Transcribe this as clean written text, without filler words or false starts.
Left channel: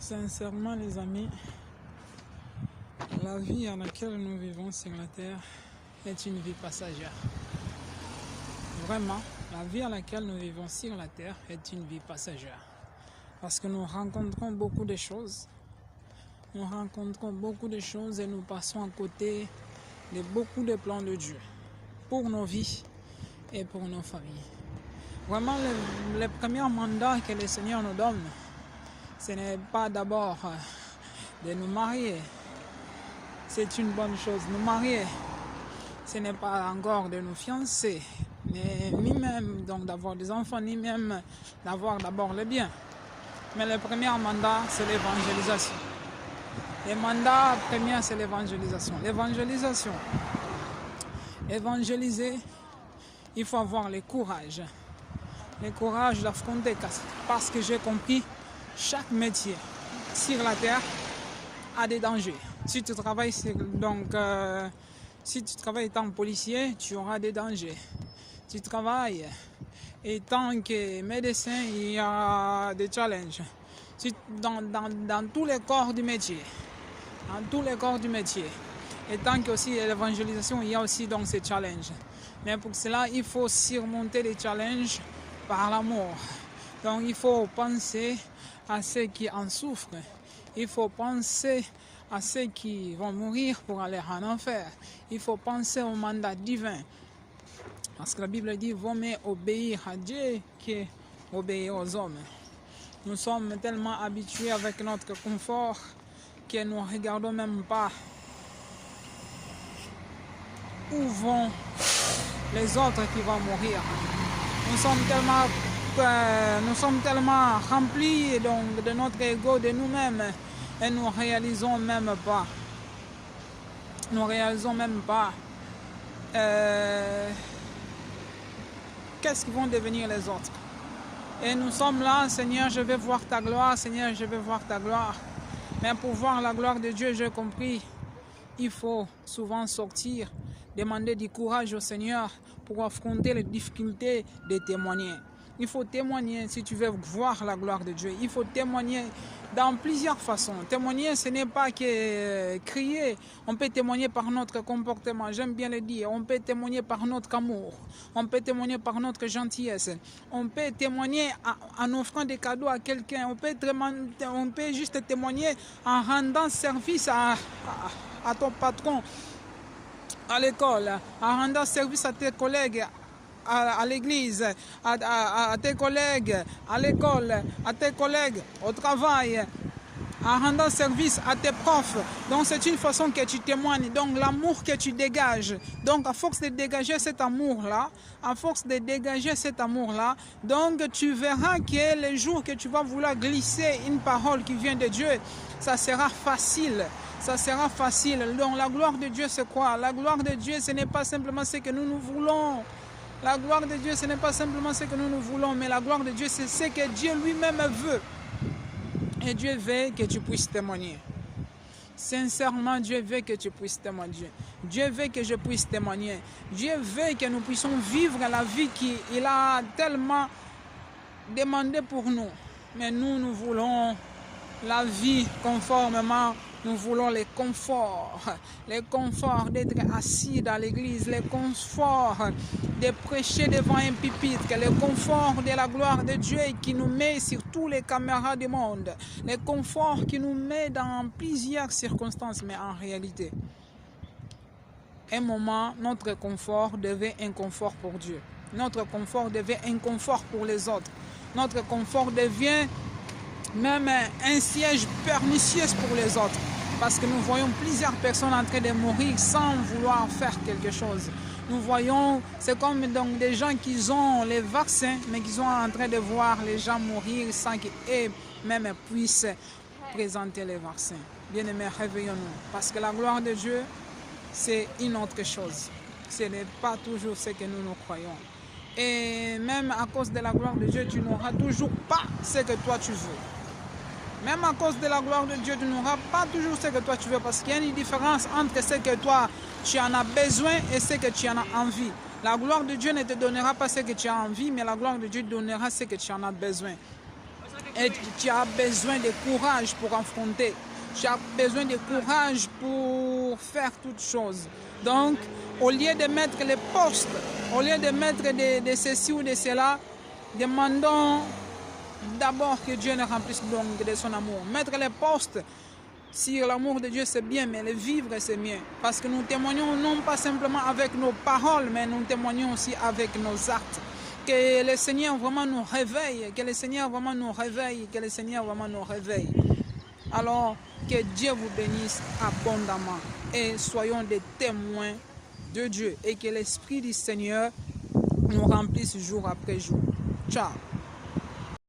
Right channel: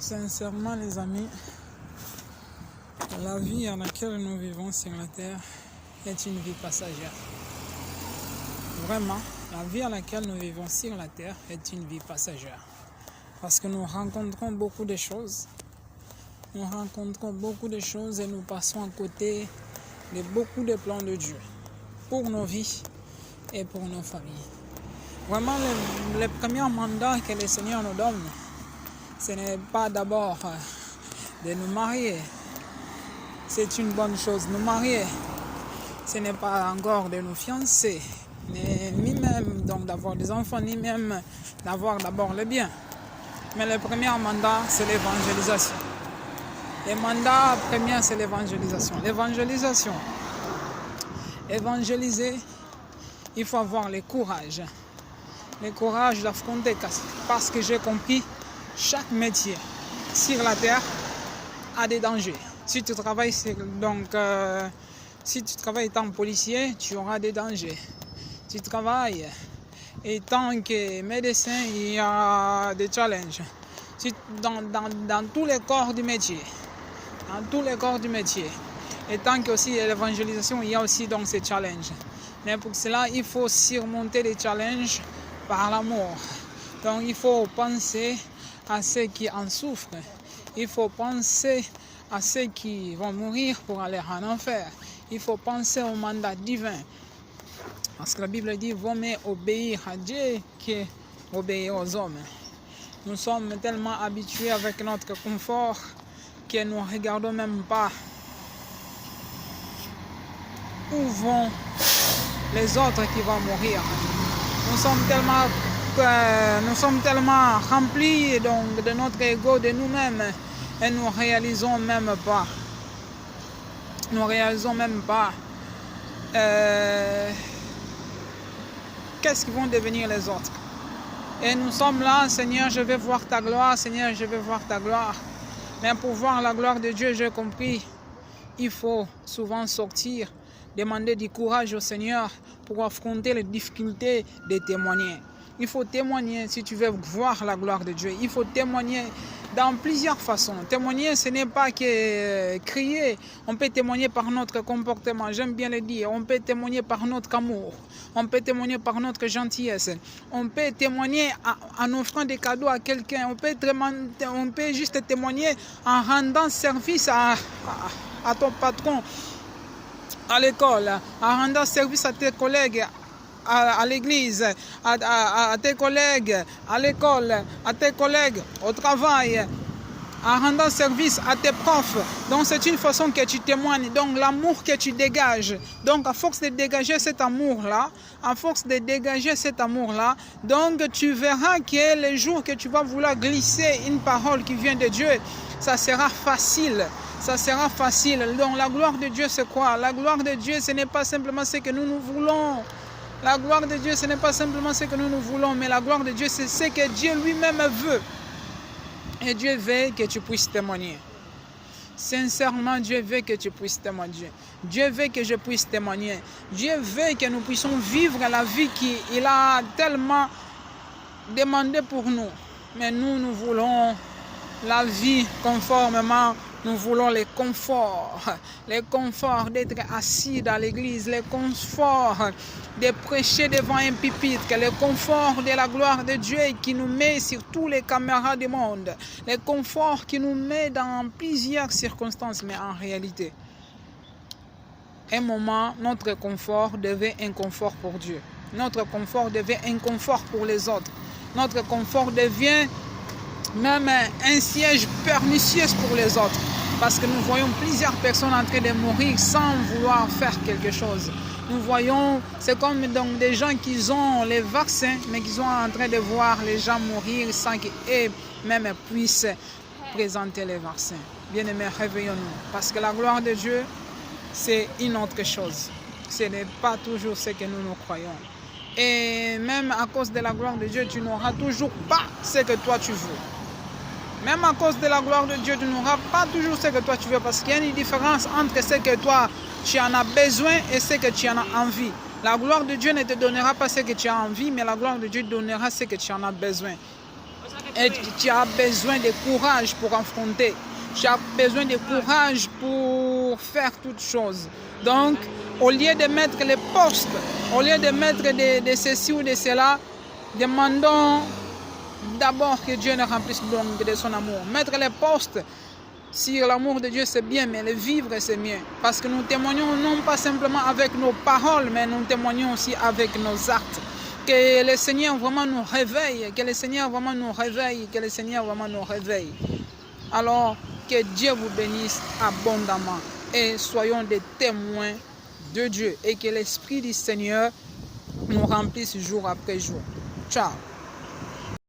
Sincèrement, les amis, la vie à laquelle nous vivons sur la terre est une vie passagère. Vraiment, la vie à laquelle nous vivons sur la terre est une vie passagère. Parce que nous rencontrons beaucoup de choses. Nous rencontrons beaucoup de choses et nous passons à côté de beaucoup de plans de Dieu pour nos vies et pour nos familles. Vraiment, le premier mandat que le Seigneur nous donne, ce n'est pas d'abord de nous marier. C'est une bonne chose, nous marier. Ce n'est pas encore de nous fiancer, ni même donc d'avoir des enfants, ni même d'avoir d'abord les biens. Mais le premier mandat, c'est l'évangélisation. Le mandat premier, c'est l'évangélisation. L'évangélisation. Évangéliser, il faut avoir le courage. Le courage d'affronter, parce que j'ai compris, chaque métier sur la terre a des dangers. Si tu travailles si tu travailles étant policier, tu auras des dangers. Tu travailles étant que médecin, il y a des challenges. Dans tous les corps du métier. Dans tous les corps du métier. Et tant que aussi l'évangélisation, il y a aussi donc ces challenges. Mais pour cela, il faut surmonter les challenges par l'amour. Donc il faut penser à ceux qui en souffrent. Il faut penser à ceux qui vont mourir pour aller en enfer. Il faut penser au mandat divin. Parce que la Bible dit, vaut mieux obéir à Dieu qu'obéir aux hommes. Nous sommes tellement habitués avec notre confort que nous ne regardons même pas où vont les autres qui vont mourir. Nous sommes tellement remplis donc, de notre ego, de nous-mêmes, et nous ne réalisons même pas. Qu'est-ce qu'ils vont devenir les autres. Et nous sommes là, Seigneur, je vais voir ta gloire, Seigneur, je vais voir ta gloire. Mais pour voir la gloire de Dieu, j'ai compris, il faut souvent sortir, demander du courage au Seigneur pour affronter les difficultés de témoigner. Il faut témoigner si tu veux voir la gloire de Dieu. Il faut témoigner dans plusieurs façons. Témoigner, ce n'est pas que crier. On peut témoigner par notre comportement, j'aime bien le dire. On peut témoigner par notre amour. On peut témoigner par notre gentillesse. On peut témoigner en offrant des cadeaux à quelqu'un. On peut juste témoigner en rendant service à ton patron à l'école, en rendant service à tes collègues à l'église, à tes collègues à l'école, à tes collègues au travail, en rendant service à tes profs. Donc c'est une façon que tu témoignes, donc l'amour que tu dégages. Donc à force de dégager cet amour-là, donc tu verras que le jour que tu vas vouloir glisser une parole qui vient de Dieu, ça sera facile. Donc la gloire de Dieu, c'est quoi? La gloire de Dieu, ce n'est pas simplement ce que nous voulons. La gloire de Dieu, ce n'est pas simplement ce que nous voulons, mais la gloire de Dieu, c'est ce que Dieu lui-même veut. Et Dieu veut que tu puisses témoigner. Sincèrement, Dieu veut que tu puisses témoigner. Dieu veut que je puisse témoigner. Dieu veut que nous puissions vivre la vie qu'il a tellement demandé pour nous. Mais nous voulons la vie conformément. Nous voulons le confort d'être assis dans l'église, le confort de prêcher devant un pupitre, le confort de la gloire de Dieu qui nous met sur tous les caméras du monde, le confort qui nous met dans plusieurs circonstances, mais en réalité, un moment, notre confort devient un confort pour Dieu. Notre confort devient un confort pour les autres. Notre confort devient même un siège pernicieux pour les autres. Parce que nous voyons plusieurs personnes en train de mourir sans vouloir faire quelque chose. Nous voyons, c'est comme donc des gens qui ont les vaccins, mais qui sont en train de voir les gens mourir sans qu'eux-mêmes puissent présenter les vaccins. Bien-aimés, réveillons-nous. Parce que la gloire de Dieu, c'est une autre chose. Ce n'est pas toujours ce que nous croyons. Et même à cause de la gloire de Dieu, tu n'auras toujours pas ce que toi tu veux. Même à cause de la gloire de Dieu, tu n'auras pas toujours ce que toi tu veux, parce qu'il y a une différence entre ce que toi tu en as besoin et ce que tu en as envie. La gloire de Dieu ne te donnera pas ce que tu as envie, mais la gloire de Dieu te donnera ce que tu en as besoin. Et tu as besoin de courage pour affronter. Tu as besoin de courage pour faire toutes choses. Donc, au lieu de mettre les postes, au lieu de mettre de ceci ou de cela, demandons d'abord que Dieu nous remplisse donc de son amour. Mettre les postes sur l'amour de Dieu, c'est bien, mais le vivre, c'est mieux. Parce que nous témoignons non pas simplement avec nos paroles, mais nous témoignons aussi avec nos actes. Que le Seigneur vraiment nous réveille, que le Seigneur vraiment nous réveille, que le Seigneur vraiment nous réveille. Alors, que Dieu vous bénisse abondamment et soyons des témoins de Dieu et que l'Esprit du Seigneur nous remplisse jour après jour. Ciao.